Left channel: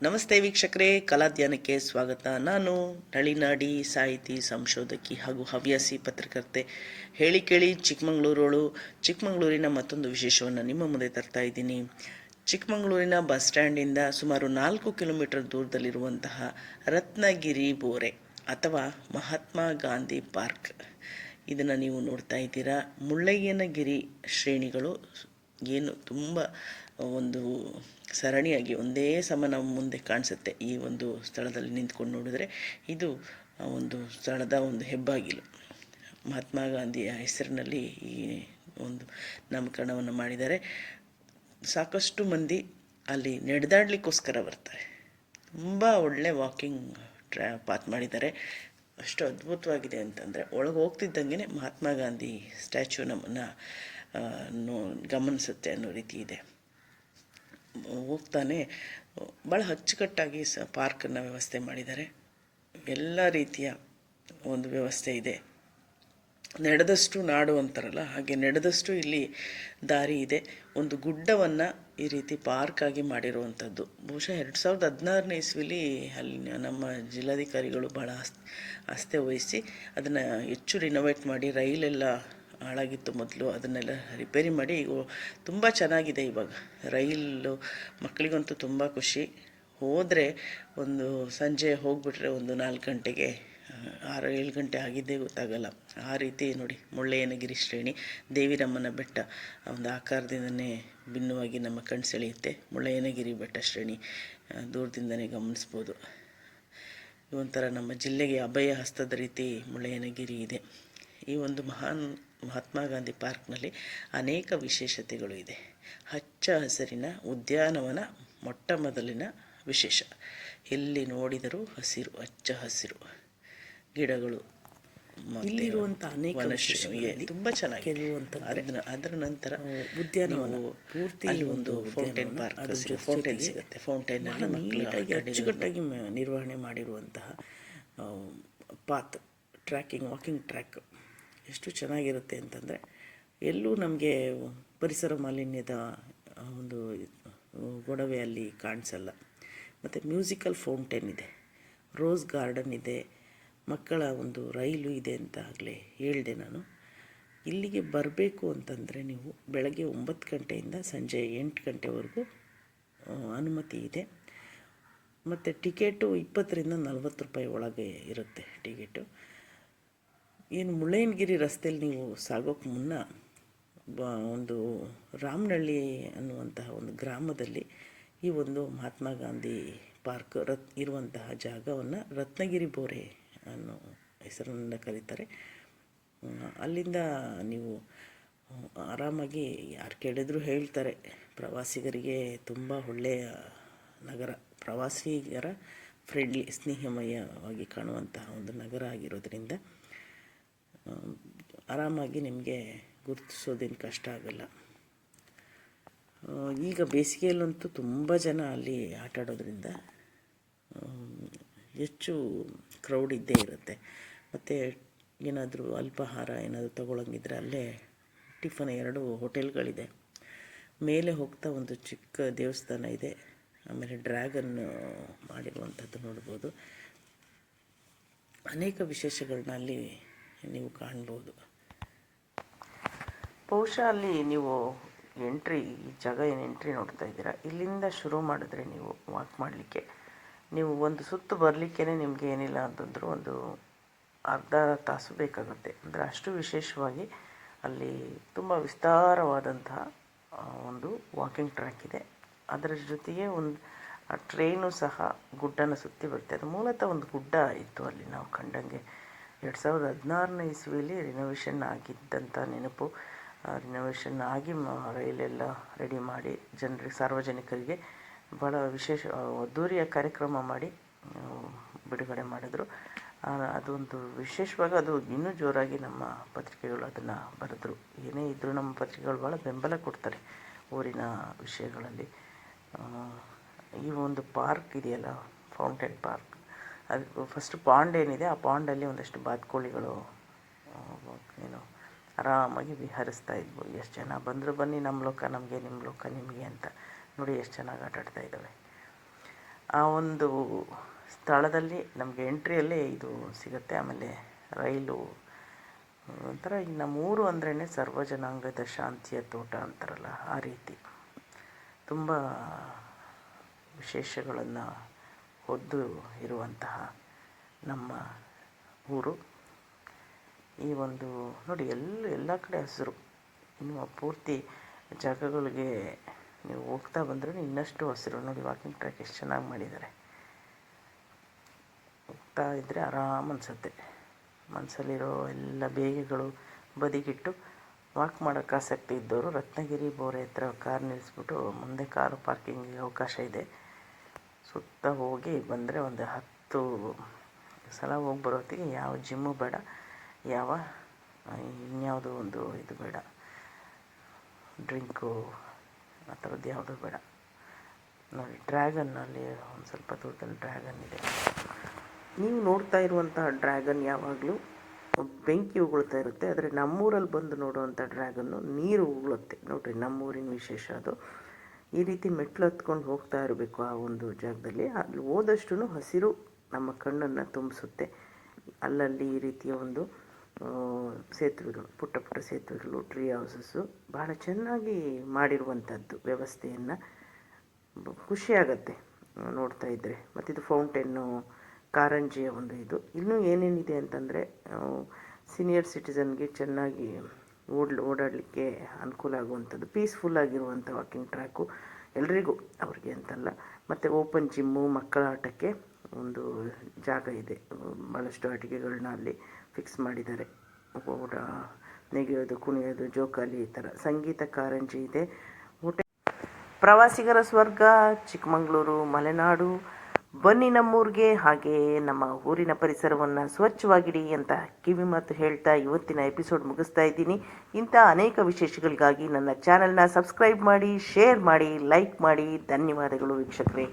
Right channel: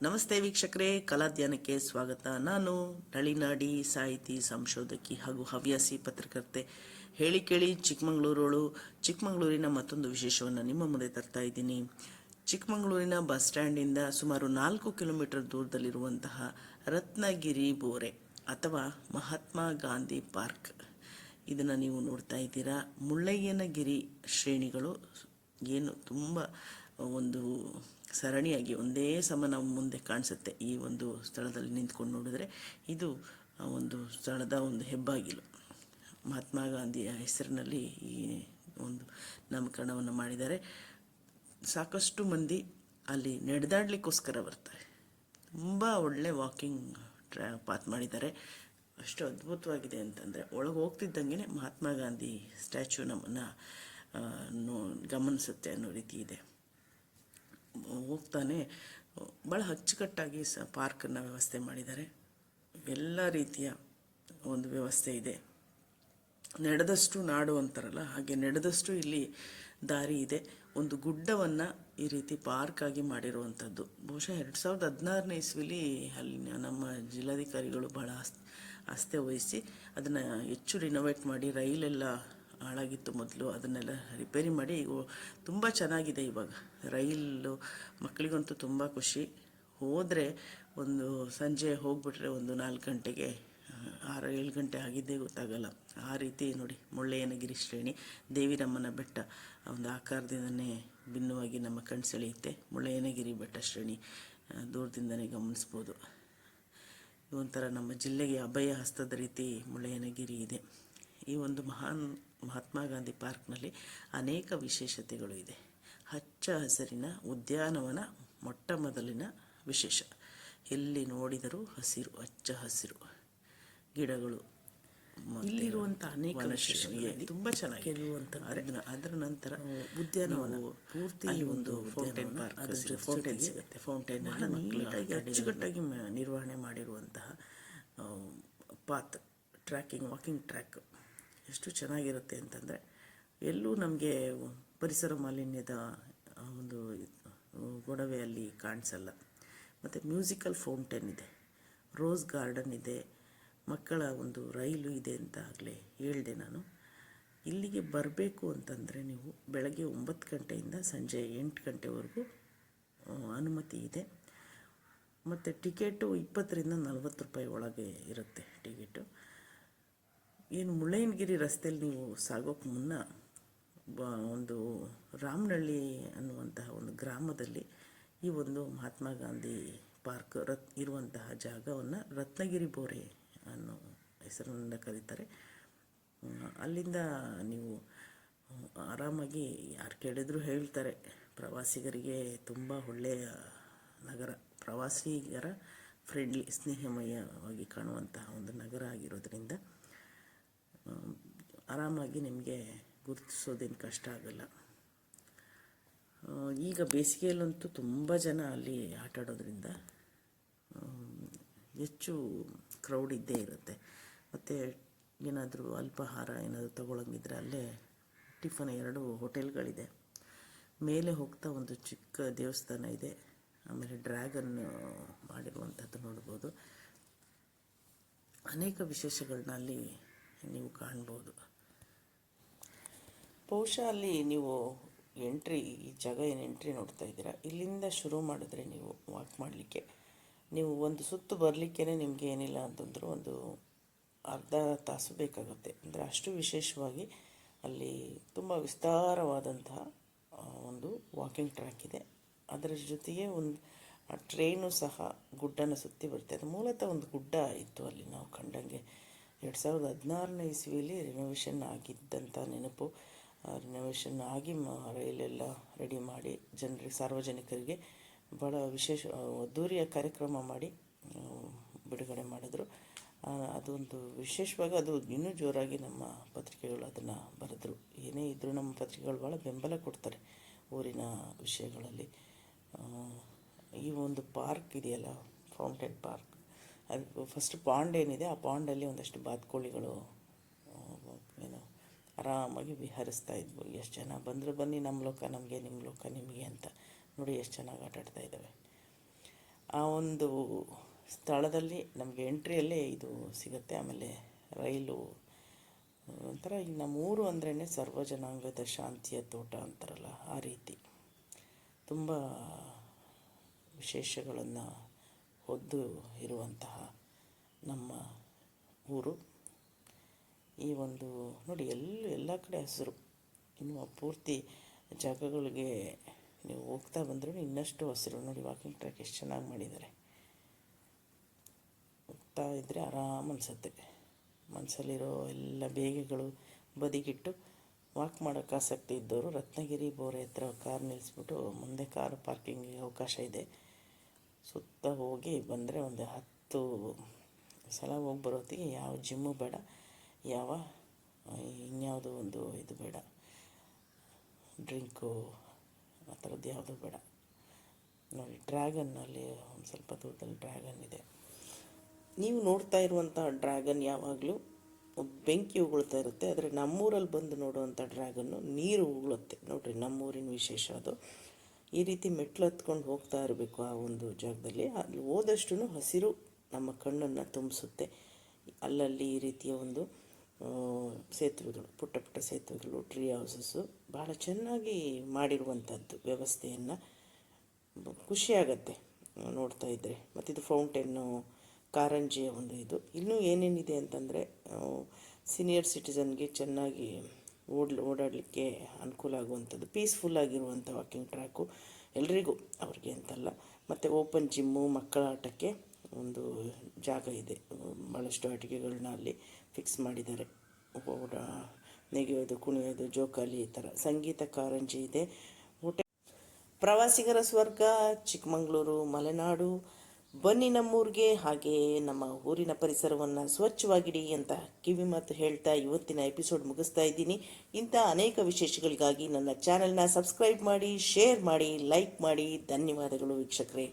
ನಮಸ್ತೆ ವೀಕ್ಷಕರೇ, ಕಲಾಧ್ಯಾನಕ್ಕೆ ಸ್ವಾಗತ. ನಾನು ನಳಿನಾಡಿ, ಸಾಹಿತಿ, ಸಂಶೋಧಕಿ ಹಾಗೂ ಹವ್ಯಾಸಿ ಪತ್ರಕರ್ತೆ. ಹೇಳಿ ಕೇಳಿ ಚಿಕ್ಕಮಗಳೂರೋಳು. ಚಿಕ್ಕಮಗಳೂರಿನ ಮತ್ತೊಂದು ವಿಶೇಷವನ್ನು ನಿಮ್ಮ ಮುಂದೆ ತರ್ತಾ ಇದ್ದೀನಿ. ಚಿಕ್ಕಮಗಳೂರಿನ ಬಸ್ ಸ್ಟ್ಯಾಂಡಿಂದ ಸುಮಾರು 4 ಕಿಲೋಮೀಟರ್ ದೂರದಲ್ಲಿರುವಂತಹ ರತ್ನಗಿರಿ ಬೋರೆ ಅಥವಾ ಮಹಾತ್ಮ ಗಾಂಧಿ ಪಾರ್ಕ್, ಇದನ್ನು ನೀವು ನೋಡ್ತಾ ಇದ್ದೀರಾ. ಮುಳ್ಳಯ್ಯನಗಿರಿ ಶ್ರೇಣಿಗಳು ಏನು ತುಂಬ ಒಂದು ಸರಣಿಯಾಗಿ ಒಂದೇ ಸಮ ನಮ್ಮ ಮುಂದೆ ಕಾಣಿಸುತ್ತೆ. ಈ ಒಂದು ಸ್ಥಳದಲ್ಲಿ ನಿಂತ್ಕೊಂಡು ನೋಡಿದ್ರೆ ಇದು ಒಂದು ಸ್ಥಳದ ಒಂದು ಹೆಬ್ಬಾಗಿಲು. ಮಹಾತ್ಮ ಗಾಂಧಿಯ ಹೆಸರಿನಲ್ಲಿ ಈ ಒಂದು ನಾಮಕರಣವನ್ನು ಮಾಡಿದ್ದಾರೆ. ಸಾಕಷ್ಟು ಮಂದಿ ಅಲ್ಲಿ ನಡೆದಾಡಲಿಕ್ಕೋಸ್ಕರ ಬರ್ತಾರೆ. ತುಂಬ ಒಳ್ಳೆ ವಾಕಿಂಗ್ ಪಾತ್ ಮಾಡಿದ್ದಾರೆ. ಅಷ್ಟು ಅದ್ಭುತವಾಗಿದೆ ಅಂತಂದರೆ, ಒಳಗೆ ಹೋಗ್ತಿದ್ದಂಗೆ ಮಹಾತ್ಮ ಗಾಂಧಿ ಸ್ಟ್ಯಾಚ್ಯೂ ನಮ್ಮನ್ನು ಗಮನಿಸುತ್ತೆ ಅನ್ನೋ ರೀತಿ ಇದೆ. ಹೋಗ್ತಾನೆ ಭಾಳ ಅಚ್ಚುಕಟ್ಟಾಗಿ ಪಾರ್ಕನ್ನು ವ್ಯವಸ್ಥೆ ಮಾಡಿದ್ದಾರೆ. ಎಲ್ಲ ರೀತಿಯ ಒಂದು ವ್ಯವಸ್ಥೆ ಇದೆ. ನಡೆದಷ್ಟು ನಾಡು ಅಂತಾರಲ್ಲ, ಹಾಗೆ ನಡೆದಷ್ಟು ಇಲ್ಲಿ ದಾರಿ ಇದೆ. ಒಂದು ಗುಡ್ಡವನ್ನು ಈ ರೀತಿ ಪಾರ್ಕಾಗಿ ಮಾಡಿರುವಂಥದ್ದು ಬಹುಶಃ 2016ನೇ ಇಸ್ವಿಲಿ ಅಲ್ಲಿ ನಮ್ಮ ಜಿಲ್ಲಾಧಿಕಾರಿಗಳು ಭಾಳ ಆಸ್ಥೆ ವಹಿಸಿ ಅದನ್ನು ಹೆಚ್ಚು ರಿನೋವೇಟ್ ಮಾಡಿ, ರೈಲೆಲ್ಲ ಹಾಳಾಗಿತ್ತು ಮೊದಲು, ಅದನ್ನೆಲ್ಲ ರಿಪೇರಿ ಮಾಡಿ ತುಂಬ ಚೆನ್ನಾಗಿದೆ ಇವಾಗ. ರೈಲು ಮಕ್ಕಳಿಗಂತೂ ತುಂಬ ಖುಷಿ. ಹೋದರೆ ಒಂದು ಸಂಜೆ ಹೋಗಿಬಿಟ್ರೆ ಒಂದು 4 ಗಂಟೆಗೆ 6-7 ಗಂಟೆ ಆಗಿದ್ದೇ ಗೊತ್ತಾಗಲ್ಲ. ಆ ರೀತಿ ನೋಡಿ, ಮುಳ್ಳಯ್ಯನಗಿರಿ ಶ್ರೇಣಿ, ದೇವಿರಮ್ಮನ ಬೆಟ್ಟ ಒಂದು ಆಕಾರದಿಂದನೇ ಭಿನ್ನವಾಗಿ ನಮ್ಮ ಕಣ್ಣು ಸೆಳೆಯುತ್ತೆ. ಮುಳ್ಳಯ್ಯನಗಿರಿ ಬೆಟ್ಟ ಶ್ರೇಣಿ ದೂರದಿಂದನೇ ಗಮನಿಸ್ಬೋದು. ಒಂಥರ ನಮ್ಮ ಜಿಲ್ಲೆಗೆ ಅಭಯ ಹಸ್ತದ ರೀತಿ ಮುಳ್ಳಯ್ಯನಗಿರಿ ಇದೆ. ಈ ಒಂದು ಮಹಾತ್ಮ ಗಾಂಧಿ ಪಾರ್ಕ್ನಲ್ಲಿ ಅನೇಕ ವಿಶೇಷತೆಗಳು ಇದೆ. ಹಚ್ಚ ಹಸಿರಿನ ಉದ್ಯಾನವನ ಮೊಟ್ಟ ಮೊದಲಿನ ವಿಶೇಷ. ಎಲ್ಲಿ ನೋಡಿದರೂ ಹಸಿರು, ಹಚ್ಚ ಹಸಿರು ಗಿಡಗಳು, ಇಲ್ಲಿರುವಂಥ ಅನೇಕ ತುಂಬ ಚೆನ್ನಾಗಿದೆ. ಅದರ ನಂತರ ಉದ್ಯಾನವನ ಪೂರ್ತಿ ಅಲ್ಲಿ ಒಂದು ಫೌಂಟೇನ್ ಪಾರ್ಕ್, ಫೌಂಟೇನ್ ಸಿಗುತ್ತೆ. ಫೌಂಟೇನಲ್ಲಿ ಮಕ್ಕಳಿಗೆ ಅಚ್ಚುಕಟ್ಟಾಗಿ ನಿರ್ವಹಣೆ ಮಾಡಿರುವಂತಹ ಪಾತ್, ವಾಕಿಂಗ್ ಟ್ರ್ಯಾಕ್ ಎಷ್ಟು ಚೆನ್ನಾಗಿರುತ್ತೆ ಅಂತಂದರೆ, ಎಲ್ಲೂ ನಮಗೆ ಪರಿಸರ ಮಾಲಿನ್ಯದ ಒಂದು ಗೊಡವೆ ಅಲ್ಲಿ ಕಾಣಿಸಲ್ಲ. ಮತ್ತು ಮ್ಯೂಸಿಕಲ್ ಫೌಂಟೇನ್ ಇದೆ, ರೋಸ್ ಗಾರ್ಡನ್ ಇದೆ, ಮಕ್ಕಳ ಒಂದು ರೈಲು ಇದೆ ಅಂತ ಆಗಲೇ ಹೇಳಿದೆ ನಾನು. ಇಲ್ಲಿಗೆ ಬರಬೇಕು ಅಂತಂದರೆ ನೀವು ಬೆಳಗ್ಗೆ 9 ಗಂಟೆಯಿಂದ ಸಂಜೆ 8 ಗಂಟೆವರೆಗೂ ಅನುಮತಿ ಇದೆ. ಮತ್ತು ಟಿಕೆಟು 20ರಿಂದ 40 ರೂಪಾಯಿ ಒಳಗೆ ಇರುತ್ತೆ ಟಿಕೆಟು. ಏನು ಮುಳ್ಳಯ್ಯನಗಿರಿ ರಸ್ತೆಯಲ್ಲಿ ನೀವು ಸಾಗೋಕ್ಕೆ ಮುನ್ನ ಒಂದು ರಾಮನಹಳ್ಳಿ ಅನ್ನುವಂತಹ ಒಂದು ಗ್ರಾಮದಲ್ಲಿ ಈ ಒಂದು ಮಹಾತ್ಮ ಗಾಂಧಿ ಪಾರ್ಕ್ ಇರುವಂತಹ ಜಾಗವನ್ನು ರತ್ನಗಿರಿ ಬೋರೆ ಅನ್ನೋ ಹೆಸರಿನಿಂದ ಕರೀತಾರೆ. ಅಲ್ಲಿಂದ ನೀವು ಆರಾಮಾಗಿ ಯಾರು ಕೇಳಿದರೂ ಹೇಳ್ತಾರೆ, ಪ್ರವಾಸಿಗರಿಗೆ ತುಂಬ ಒಳ್ಳೆಯ ನಗರ, ಪ್ರವಾಸಿಗರ ಫ್ರೆಂಡ್ಲಿ, ಸ್ನೇಹಮಯವಾಗಿ ಕಾಣುವಂತಹ ಒಂದು ನಗರ ಆಗಿರೋದ್ರಿಂದ ಆರಾಮಾಗಿ ನಿಮಗೆ ಗುರುತಿಸೋದೇನು ಕಷ್ಟ ಆಗಲ್ಲ. ಈಗ ಬೇಸಿಗೆಯಲ್ಲಂತೂ ತುಂಬ ಜನ ಅಲ್ಲಿ ಆಟ ಆಡೋದ್ರಿಂದ ಹೆಚ್ಚು ಕ್ರೌಡ್ ಇದ್ದೇ ಇರುತ್ತೆ. ಮತ್ತು ಏನಾದರೂ ಅಲ್ಪಾಹಾರ ಏನಾದರೂ ತೊಗೊಳಂಗಿದ್ರೆ ಅಲ್ಲೇ ಟಿಫನ್ 2 ಹೋಟೆಲ್ಗಳಿದೆ. ಮೇಲೆ ಹೋಗ್ತಾ ಒಂದು ಚಿಕ್ಕ ದೇವಸ್ಥಾನ ಇದೆ, ಆಮೇಲೆ ಡ್ರ್ಯಾಗನ್ ಮಾಡಿರುವಂಥದ್ದು ನೋಡ್ಬೋದು. ಅನೇಕ ವಿಶೇಷಗಳನ್ನ ಅಲ್ಲಿ ನೀವು ಕಾಣ್ಬೋದು. ಬಹುಶಃ ಅಲ್ಲಿ ನೀವು ಈ ಜಾಗ ಏನು ಎಂಟ್ರಿ ನೋಡ್ತಾ ಇದ್ದೀರಾ, ಇಲ್ಲಿಂದ ಶುರು ಮಾಡಿದ್ರೆ ನೀವು ವಾಕ್ ಮಾಡಲಿಕ್ಕೆ, ನೀವು ಒಂದು ಸುತ್ತು ಬರಲಿಕ್ಕೇ ನಿಮಗೆ ಏನಿಲ್ಲ ಅಂತಂದರೂ ಒಂದು ಅರ್ಧ ತಾಸು ಬೇಕಾಗುತ್ತೆ. ಅಂದರೆ ಅಷ್ಟು ವಿಶೇಷವಾಗಿ ಅಲ್ಲಿ ತುಂಬ ವಿಸ್ತಾರವಾದಂತಹ ಒಂದು ವಾಕಿಂಗ್ ಟ್ರ್ಯಾಕ್ ಇದೆ. ಅದರ ಜೊತೆಗೆ ಒಂದು ಟ್ರೈನು ಸಹ ಗುಡ್ಡನ ಸುತ್ತಿ ಬರುತ್ತೆ. ಅದು ಮೂಲತಃ ಒಂದು ಗುಡ್ಡ ಇತ್ತು ಅಲ್ಲಿ ನಾವು ಕಂಡಂಗೆ. 2016ನೇ ಇಸ್ವಿಯಲ್ಲಿ ರಿನೋವೇಷನ್ ಆಗಿದ್ದಂಥ ನೆನಪು. ರಿನೋವೇಷನ್ ಆಗಿ ರೈಲೆಲ್ಲ ರೆಡಿ ಮಾಡಿ ಸಾರ್ವಜನಿಕರಿಗೆ ಭಾಳ ವಿಶೇಷ ಅದ್ದೂರಿಯ ಕಾರ್ಯಕ್ರಮ ಮಾಡಿ ಬಿಡುಗಡೆ ಮಾಡಿದ್ರು. ಅದೊಂದು ವಿಶೇಷವಾಗಿ ಅದು ಇನ್ನೂ ಜೋರಾಗಿ ನಮ್ಮ ಪತ್ರಿಕೆಗಳು ಅದನ್ನು ಬರೆದ್ರು. ಏನೇ ಇದ್ದರೂ ನಮ್ಮ ಪತ್ರಿಕೆಗಳು ಭಾಳ ಬೆಂಬಲ ಕೊಡ್ತಾರೆ ಊರಿನ ವಿಷಯಗಳಲ್ಲಿ. ಈ ಒಂದು ಪಾರ್ಕ್ ಇದೆಯಲ್ಲ, ಫೌಂಟೇನ್ ಪಾರ್ಕ್, ಅದು ಫಸ್ಟ್ ಪಾಂಡ್ ಏನಿದೆ, ಆ ಪಾಂಡಲ್ಲಿ ಒಂದಷ್ಟು ಬಾತುಕೋಳಿಗಳು ಆರಾಮಾಗಿ ವಿಹರಿಸ್ತಾ ಇದ್ವು. ಎಷ್ಟು ಜನ ಬಂದರೂ ಬನ್ನಿ, ನಮ್ಮ ಲೋಕ ನಮಗೆ, ನಿಮ್ಮ ಲೋಕ ನಿಮಗೆ ಅಂತ. ನೋಡಿ ಎಷ್ಟು ಚೆನ್ನಾಗಿ ಆಟಾಡ್ತಾ ಇದ್ದಾವೆ. ಆ ಒಂದು ಸ್ಥಳದಲ್ಲಿ ನಮಗೆ ಎಂಟ್ರಿಯಲ್ಲೇ ಇದು ಸಿಗುತ್ತೆ. ಆಮೇಲೆ ರೈಲು ಒಂಥರ ಈಗ ನಮ್ಮೂರು ಅಂದ್ರೇ ಸರ್ವಜನಾಂಗದ ಶಾಂತಿಯ ತೋಟ ಅಂತಾರಲ್ಲ, ಆ ರೀತಿ ತುಂಬ ವಿಶೇಷಗಳನ್ನು ಹೊದ್ದು ಇರುವಂತಹ ನಮ್ಮ ಊರು. ಈ ಒಂದು ನೋಡಿ ಎಲ್ಲ ಕಡೆ ಹಸಿರು. ಇನ್ನು ಪೂರ್ತಿ ಜಾಗಗಳಿಗೆ ನೀವು ಹೋಗ್ತಾ ಬಂದರೂ ಇನ್ನಷ್ಟು ಹಸಿರು. ನೋಡಿ ವಾಕಿಂಗ್ ಟ್ರ್ಯಾಕ್ ಎಷ್ಟು ಚೆನ್ನಾಗಿ ಮಾಡಿದ್ದಾರೆ. ಹೋಗ್ತಾ ಇದ್ದರೆ ಆರಾಮ್ ಅನಿಸುತ್ತೆ. ಮನಸ್ಸಲ್ಲಿರೋ ಎಲ್ಲ ಬೇಗೆಗಳು ಬದಿಗಿಟ್ಟು ವಾಕ್ ಮಾಡೋಕ್ಕೆ ಆಸಕ್ತಿ ಇದ್ದವರು ರತ್ನಗಿರಿ ಬೋರೆ ಹತ್ರ ಕಾರ್ ನಿಲ್ಲಿಸ್ಬಿಟ್ಟು ಮುಂದೆ ಕಾರು ಪಾರ್ಕಿಂಗಿಗೆ ಅವಕಾಶ ಇದೆ. ಸುತ್ತ ಹೋಗಿ ಬಂದರೆ ಒಂದು 10 ಸಲ ಹೋಗಿ ಬರೋತ್ತಿಗೆ ಯಾವ ಜಿಮ್ಮು ಬೇಡ, ಯಾವ ಇನ್ಯಾವುದೋ ಒಂದು ಇದು ಬೇಡ, ಡ್ರಿಂಕು ಆ ಥರದ್ದು ಯಾವುದೂ ಬೇಡ. ನೋಡಿ ಡ್ರ್ಯಾಗನ್ನಲ್ಲಿ ಒಂದು ಸ್ವಲ್ಪ ದೂರದಲ್ಲಿ ಡ್ರ್ಯಾಗನ್ ಇದೆ. ನೀವು ನೋಡ್ತಾ ಇರುವಂತಹ ಡ್ರ್ಯಾಗನ್ ಯಾವಾಗಲೂ ಬೆಂಕಿ ಉಗುಳ್ತಾ ಇರುತ್ತೆ. ಆದರೆ ನಮ್ಮೂರಲ್ಲಿ ಬಂದು ನೋಡುವಂಥ ಡ್ರ್ಯಾಗನ್ನು ನೀರು ಉಗುಳುತ್ತೆ. ನೋಡಿರಿ, ನಮ್ಮೂರಿನ ವಿಶೇಷ ಅದು. ಈ ರೀತಿ ಮೆಟ್ಲು ಹತ್ಕೊಂಡು ಹೋಗ್ತಾ ಇರಬೇಕು ಆ ಒಂದು ಜಾಗದಲ್ಲಿ. ಅಲ್ಲಿ ಹೋದಷ್ಟು ಹಸಿರು ನಮ್ಮ ಕಣ್ಣನ್ನು ತುಂಬಿಸುತ್ತೆ. ಅಲ್ಲಲ್ಲಿ ಈ ರೀತಿಯ ಒಂದು ಸೇತುವೆಗಳು, ಪುಟ್ಟ ಪುಟ್ಟ ಸೇತುವೆಗಳು, ಟ್ರೀ ಹೌಸಸ್ಸು ಭಾಳ ಚೆನ್ನಾಗಿ ಮಾಡಿರುವಂಥದ್ದು ವ್ಯವಸ್ಥೆಯನ್ನು. ಖುಷಿಯಾಗತ್ತೆ ನೋಡ್ತಾ ಇದ್ದರೆ. ಮತ್ತಿದು ಫೌಂಟೇನು, ಕಾರಂಜಿಯ ಒಂದು ಇದು. ಇನ್ನೂ ಏನೇನಿದೆ ಅಂತಂದರೆ ಸೀನಿಯರ್ ಸಿಟಿಸನ್ಗೆ ಚೆನ್ನಾಗಿ ಓಡಾಡಲಿಕ್ಕೆ ಅನುಕೂಲ ಆಗುವಂಥದ್ದು, ಪೀಸ್ಫುಲ್ ಆಗಿರುವಂಥ ವಾಕಿಂಗ್ ಟ್ರ್ಯಾಕು ಎಲ್ರಿಗೂ, ಅವ್ರಿಗೆ ಅಂತಲ್ಲ. ಮತ್ತು ಓಪನ್ ಜಿಮ್ಮು, ಮಕ್ಕಳ ಆಟಕ್ಕೆ ಒಂದು ಜಾಗ ಇದೆ. ಭಾಳಷ್ಟು ಆಟಿಕೆಗಳನ್ನ ಅಲ್ಲಿ ಫಿಕ್ಸ್ ಮಾಡಿದ್ದಾರೆ. ನೆಗೆಯೋದು, ಕುಣಿಯೋದು, ಜೋಕಾಲಿ, ಈ ಥರ ಸಂಗೀತ ಕಾರಂಜಿ ಇದೆ. ಪ್ರವಾಸಿಗರ ಸ್ವರ್ಗ ಚಿಕ್ಕಮಗಳೂರು, ಮಲೆನಾಡು. ಬನ್ನಿ ನಮ್ಮೂರಿಗೆ. ಹಾಗೆ ನಮ್ಮ ಊರಿನ ಪರಿಸರವನ್ನು ಸ್ವಚ್ಛವಾಗಿಡಿ ಅಂತ ಕಿವಿ ಮಾತು ಹೇಳ್ತಾ ಇವತ್ತಿನ ಎಪಿಸೋಡ್ ಮುಗಿಸ್ತಾ ಇದ್ದೀನಿ. ಇಂಥ ಅನೇಕ ವಿಶೇಷಗಳಿಗಾಗಿ ನನ್ನ ಚಾನಲ್ನ ಸಬ್ಸ್ಕ್ರೈಬ್ ಮಾಡಿ, ಶೇರ್ ಮಾಡಿ, ಲೈಕ್ ಮಾಡಿ. ಧನ್ಯವಾದಗಳು ವೀಕ್ಷಕರೇ.